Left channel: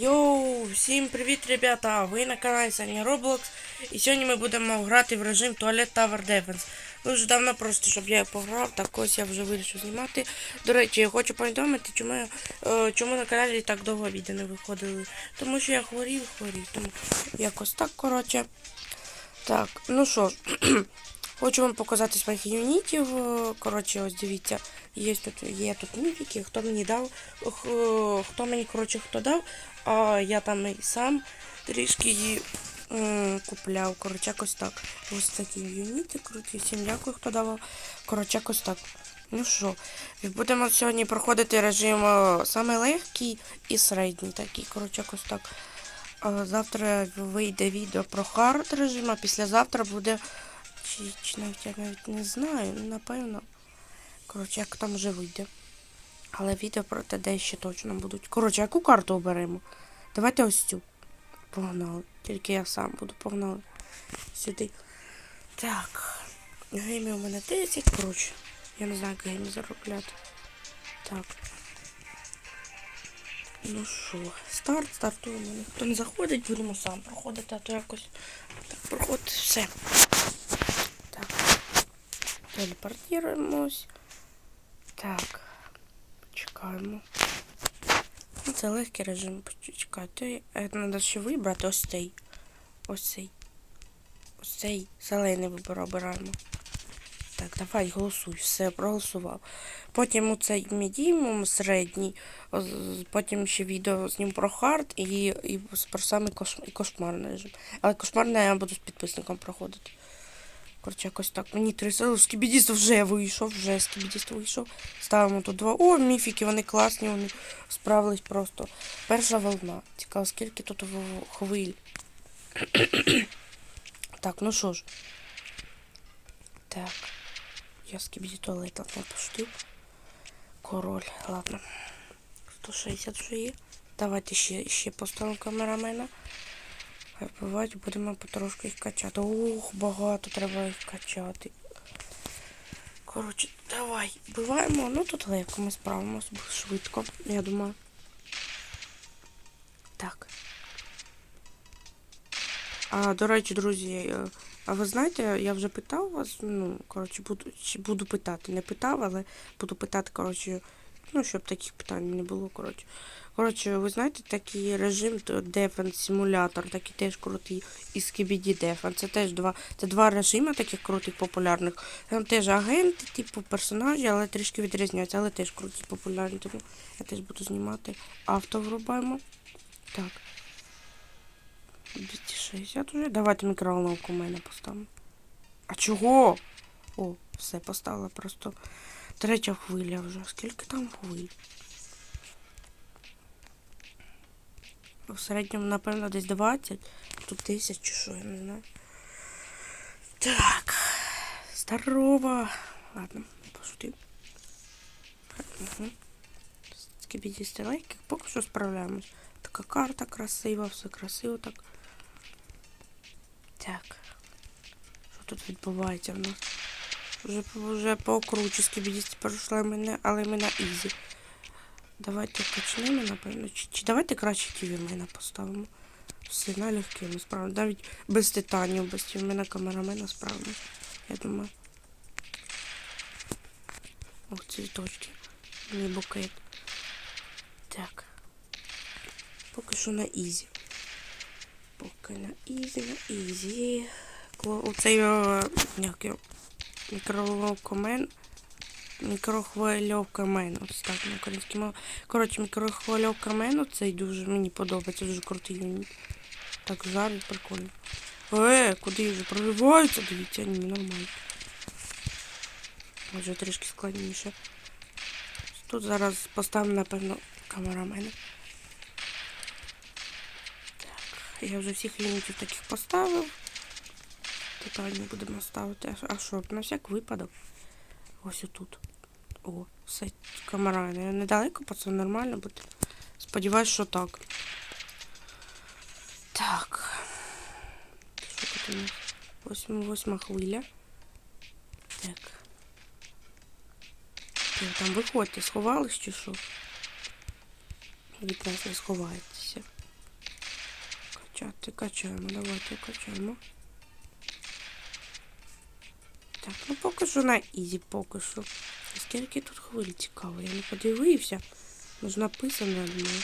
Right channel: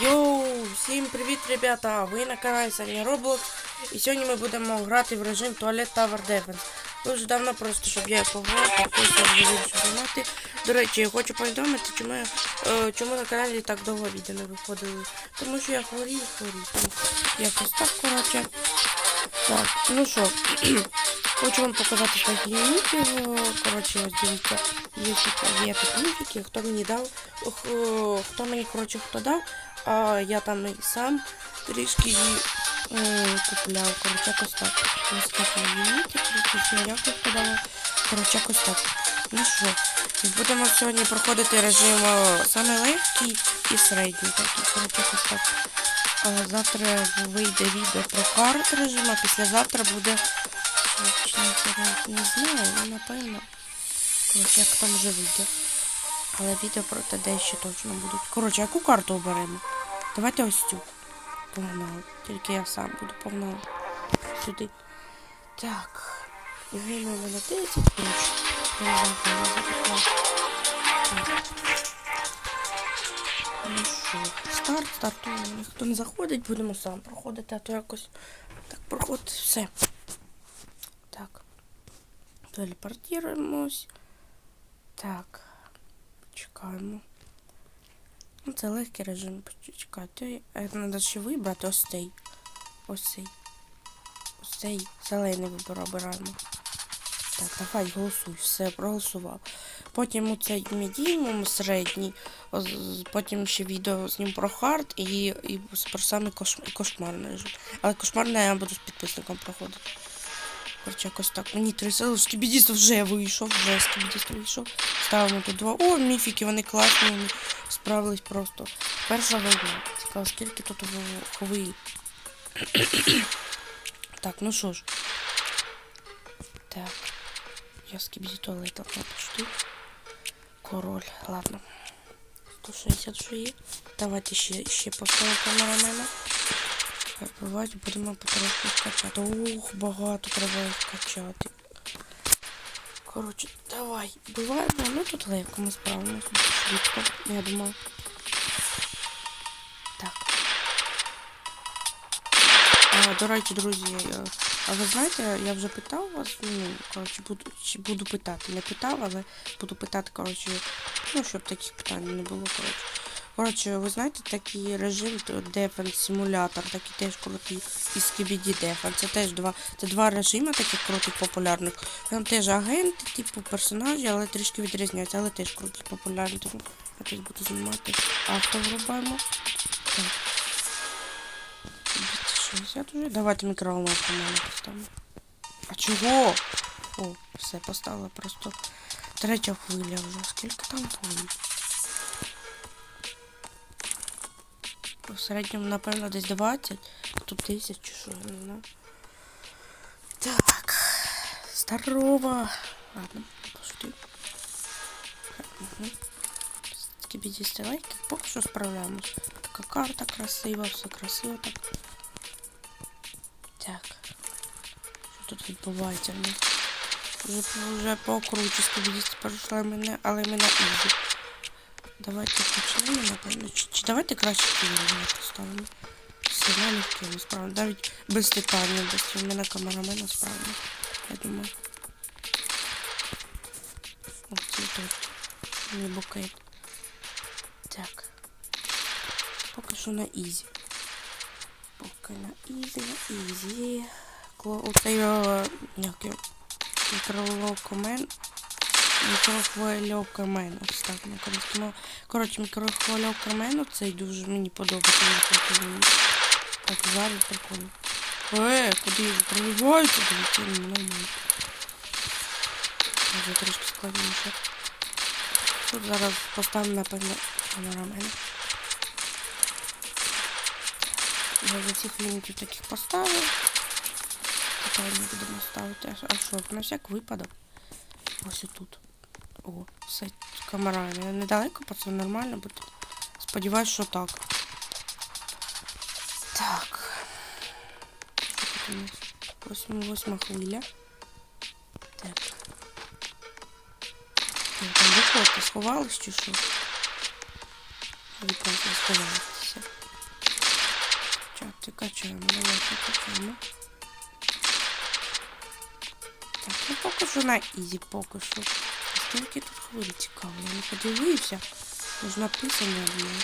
Йоу, всім привіт, ребята! Ви на каналі Саня Roblox. І сьогодні ми будемо грати в режим Toilet Tower Defense. Дуже давно просто, щоб я пограв, так ось я вже вирішив знімати. До речі, я хочу повідомити, чому, я, е, чому на каналі так довго відео не виходили. Тому що я хворів, хворів. Тому якось так, коротше. Так, ну що, хочу вам показати своїх юнітів. Е, Коротше, ось дивіться, є тут, є тут міфіки, хто мені дав, хто мені, коротше, хто дав, а я там і сам трішки її купляв. Коротше, якось так. Ось такі юніти, всім дякую, хто давав. Коротше, якось так. Ну що, будемо сьогодні проходити режим е, саме легкий і середній такий. Коротше, якось так. Завтра вийде відео про хард режим, а післязавтра буде. Чи не не знаю, ну напевно. Коротше, як там вже вийде. Але відео про те дещо точно будуть. Коротше, яку карту оберемо? Давайте ось цю. Погнали. Тільки я сам буду погнали. Сюди. Так. Гейми у мене 10, коротше. Я не знаю, коли я запитала. Так. Ну що, старт, стартуємо. Ніхто не заходить, будемо сам проходити, а то якось так проходить все. Телепортуємось. Так. Чекаємо. Ну, це легкий режим. Почекайте. Треба ще вибрати ось цей. Ось цей. Ось цей зелений вибор обираємо. Так, давай голосуй. Все, проголосував. Потім оцей медіум середній, потім ще відео з ним про хард і, і про саме кош, кошмарний режим. Але кошмарне я буду з підписником проходити. Коротше, якось так. Мені три сили. Скібідіст вже вийшов, вже скібідіст вийшов. Ставимо тут два. О, міфіки, вони класні, вони справились просто. Перша волна. Цікаво, скільки тут хвиль. так, ну що ж. Так. Я скибиди туалетом напишу. Король, ладно. 160 вже є. Давайте ще, ще поставимо камерамена. Бувати будемо потрошки скачати. Ух, багато треба їх качати. Коротше, давай, буваємо. Ну тут легко ми справимося швидко, я думаю. Так. А, до речі, друзі, е, а ви знаєте, я вже питав вас, ну, коротше, буду, чи буду питати. Не питав, але буду питати, коротше, ну, щоб таких питань не було, коротше. Коротше, ви знаєте такий режим Defense симулятор, такий теж крутий, і Skibidi Defense. Це теж два, це два режими таких крутих популярних. Там теж агенти, типу персонажі, але трішки відрізняються, але теж круті популярні. Тому я теж буду знімати. Авто врубаємо. Так. 260 уже. Давайте мікроволновку мене поставимо. А чого? О, все поставила просто. Третя хвиля вже. Скільки там хвиль? В середньому, напевно, десь 20. Тут 10 чи що, я не знаю. Так. Здорово. Ладно, пошутив. Угу. Скибідісти лайки. Поки що справляємось. Така карта красива, все красиво так. Так. Що тут відбувається нас? Вже, вже по окручі скибідісти пройшли мене, але ми на ізі. Давайте почнемо, напевно. Чи, чи давайте краще ківінги поставимо. Все на легке, ми. Навіть без титанів, без мене камерамена справимо. Я думаю. О, цвіточки. Не букет. Так. Поки що на ізі. Поки на ізі, на ізі. Оцей е, як його, мікрохвильовкомен. Мікрохвильовкамен. Ось так мові. Коротше, мікрохвильовкамен оцей дуже мені подобається. Він мені. Так, зараз прикольно. Е, куди ви прориваєте? Дивіться, ні, нормально. Може трішки складніше. Тут зараз поставимо, напевно, камерамена. Я вже всіх лімітів таких поставив. Питання будемо ставити. А що, на всяк випадок. Ось отут. О, все, камера не- недалеко, пацан, нормально буде. Сподіваюсь, що так. Так. Що тут у нас? Восьма, восьма хвиля. Так. Ви там виходьте, сховались чи що? Ви просто сховаєтеся. Качаємо, давайте качаємо. Так, ну поки що на ізі, поки що. А Скільки тут хвиль цікаво, я не подивився. Може написано я думаю.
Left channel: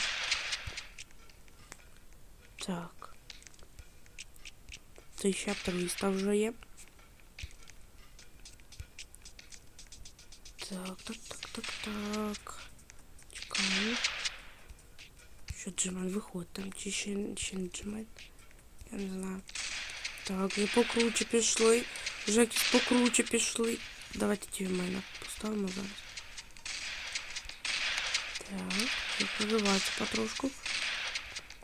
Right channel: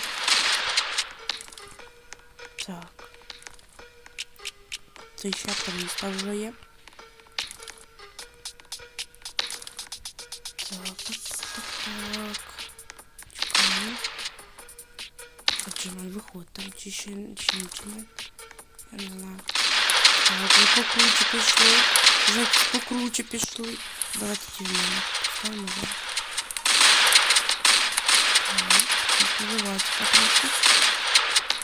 Так. 1300 вже є. Так, так, так, так, так. Чекаємо. Джимай, виходь там, чи ще, чи не Джимай? Я не знаю. Так, ви покруче пішли. Вже покруче пішли. Давайте ті в мене поставимо зараз. Так, не вибивайте потрошку.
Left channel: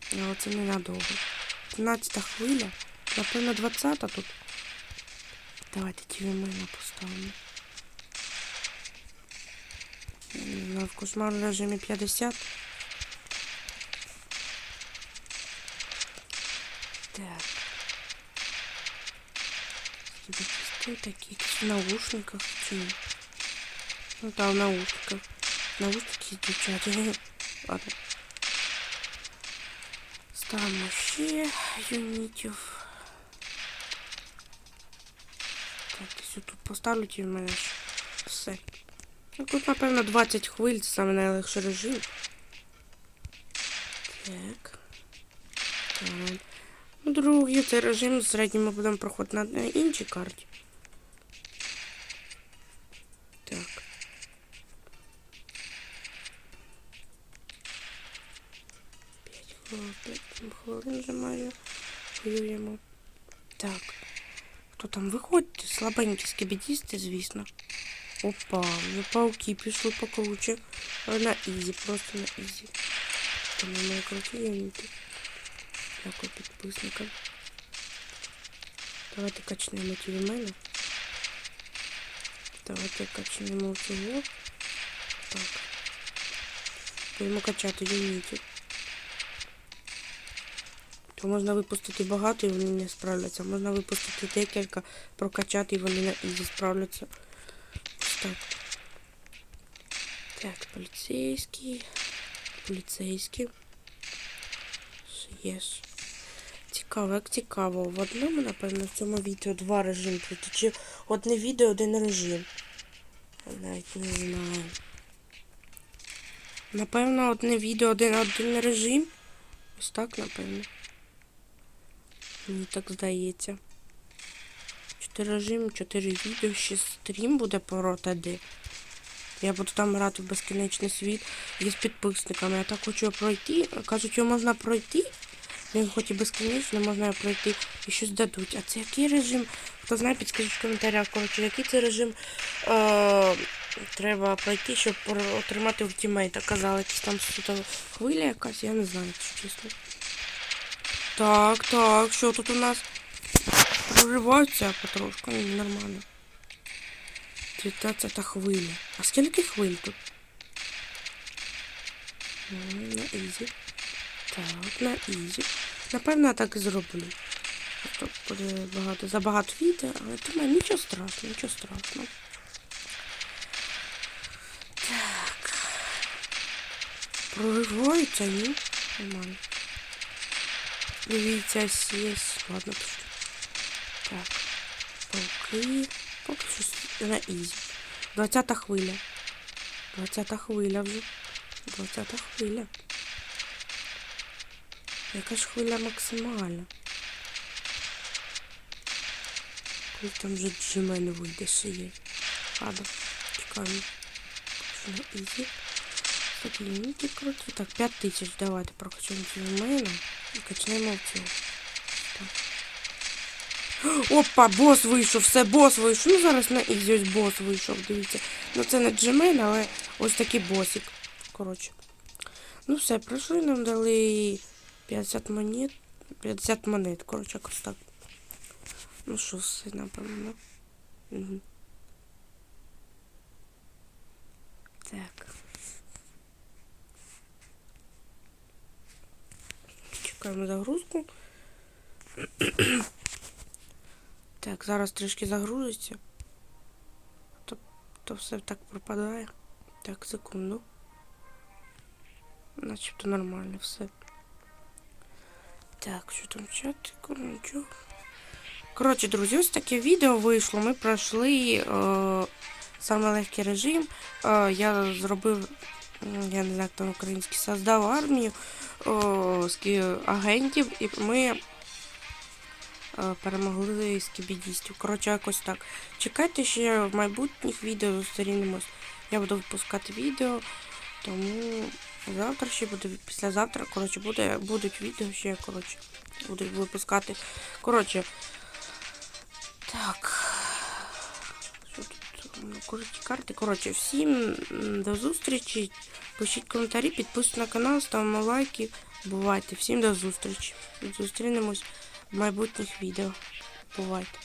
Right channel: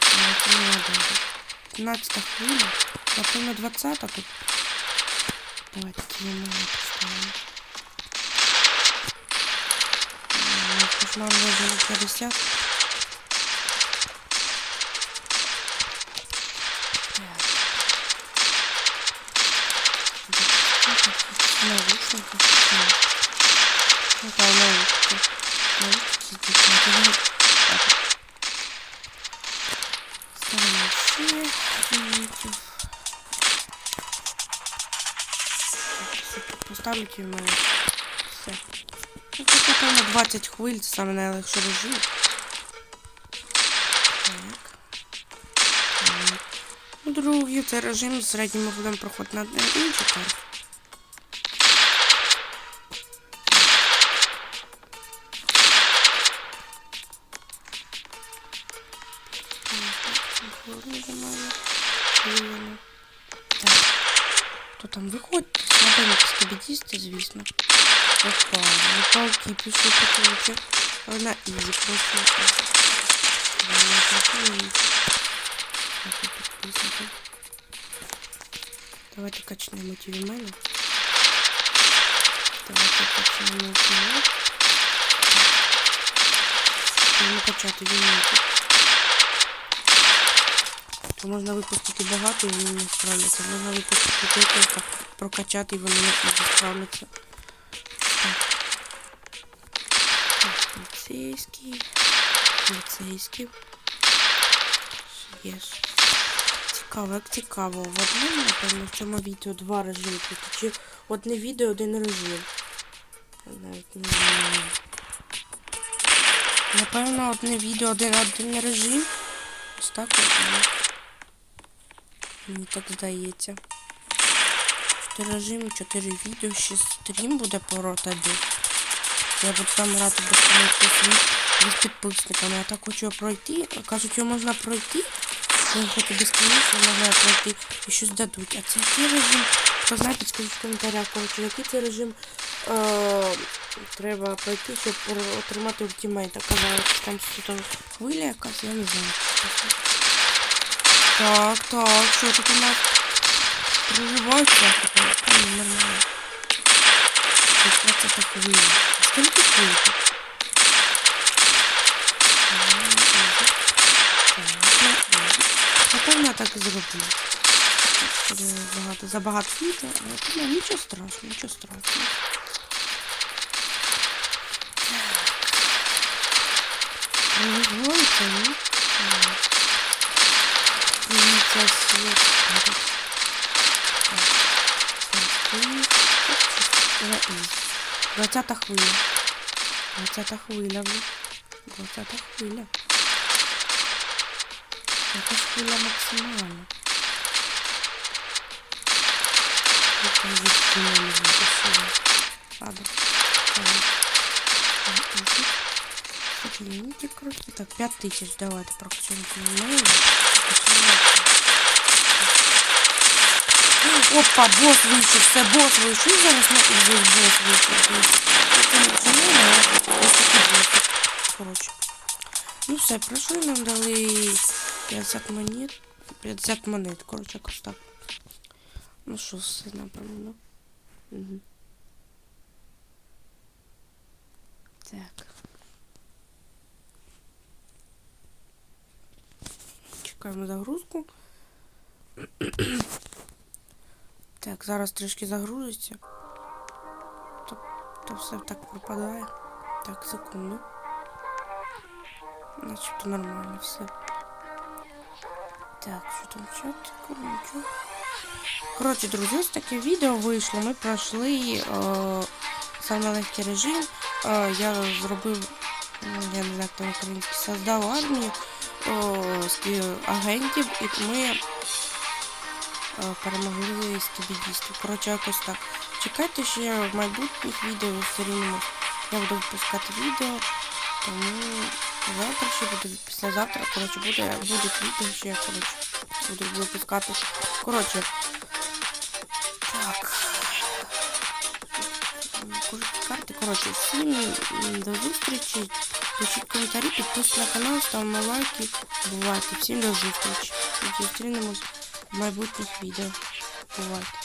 А, це не надо вже. 15 хвиля. Напевно, 20 тут. Давайте ті в мене поставимо. М, Кошмар вже на 50. Наушниках. Ні. Там в наушниках. Наушники дівчата. Ладно. Ставимо ще юнітів. Так, все тут поставлю в. Все. Ну тут, напевно, 20 хвиль, це саме найлегший режим. Так. Ну, другий цей режим середньо ми будемо проходити на інші карти. Хто там виходьте? Слабенькі скібідісти, звісно. Опа, ну пауки пішли покруче. Але на ізі, просто на ізі. Не працюють. Так, підписникам. Давайте качнемо ті від мене. Давайте качнемо його. Будемо качати юніти. То можна випустити багато і вони не справляться. Можна випустити декілька, прокачати і вони не справляться. Так. Так, поліцейський. Поліцейський. Є. Цікаво, як цікаво. В одному, напевно, в цьому відео два режими. Чи одне відео, один режим. Навіть не знаю. Напевно, одне відео, один один режим. Ось так напевно. Мені так здається. Чотири режими, чотири відео, ще стрім буде по ротаді. Я буду там грати безконечний світ без підписниками. Я так хочу пройти. Кажуть, його можна пройти. Він хоч і безконечно, можна пройти і щось дадуть. А це який режим? Хто знає, підскажіть в коментарях, коротше, який це режим е- треба пройти, щоб отримати ультимейта. Казали, що там хвиля якась, я не знаю. Так, так, що тут у нас? Проживається, а нормально. 15 хвиля. А скільки хвиль тут? Ну. Так, на ізі. Напевно, я так і зроблю. Тут буде багато, забагато відео, але тому нічого страшного, нічого страшного. Так. Проживається, ні? Ні. Дивіться світ. Так. Так. На ізі. 20 хвиля. 20 хвиля вже. 20 хвиля. Яка ж хвиля максимальна? Як там від мене вийде сюди? Ладно. Ладно. На ізі. Саклінки круті. Так, 5 тисяч. Давайте прокачаємо мене. Прокачаємо. Опа, бос вийшов, все, бос вийшов. І зараз на ізі бос вийшов. Дивіться. Ну це не джемель, але ось такий босик. Коротше. Ну все, пройшли, нам дали 50 монет. 50 монет, коротше, якось так. Ну що, все, напевно. Угу. Так. Чекаємо загрузку. так, зараз трішки загрузиться. То, то все так пропадає. Так, секунду. Начебто нормально все. Так, що там чатику, нічого. Коротше, друзі, ось таке відео вийшло. Ми пройшли е, саме легкий режим. Е, я зробив, я не знаю, там український, создав армію агентів, і ми е, перемогли скібідістів. Коротше, якось так. Чекайте ще в майбутніх відео зустрінемось. Я буду випускати відео, тому завтра ще буде, післязавтра, коротше, буде, будуть відео ще, коротше, буду випускати. Коротше, так. Кожні карти. Коротше, всім м, до зустрічі. Пишіть коментарі, підписуйтесь на канал, ставимо лайки. Бувайте. Всім до зустрічі. Зустрінемось в майбутніх відео. Бувайте.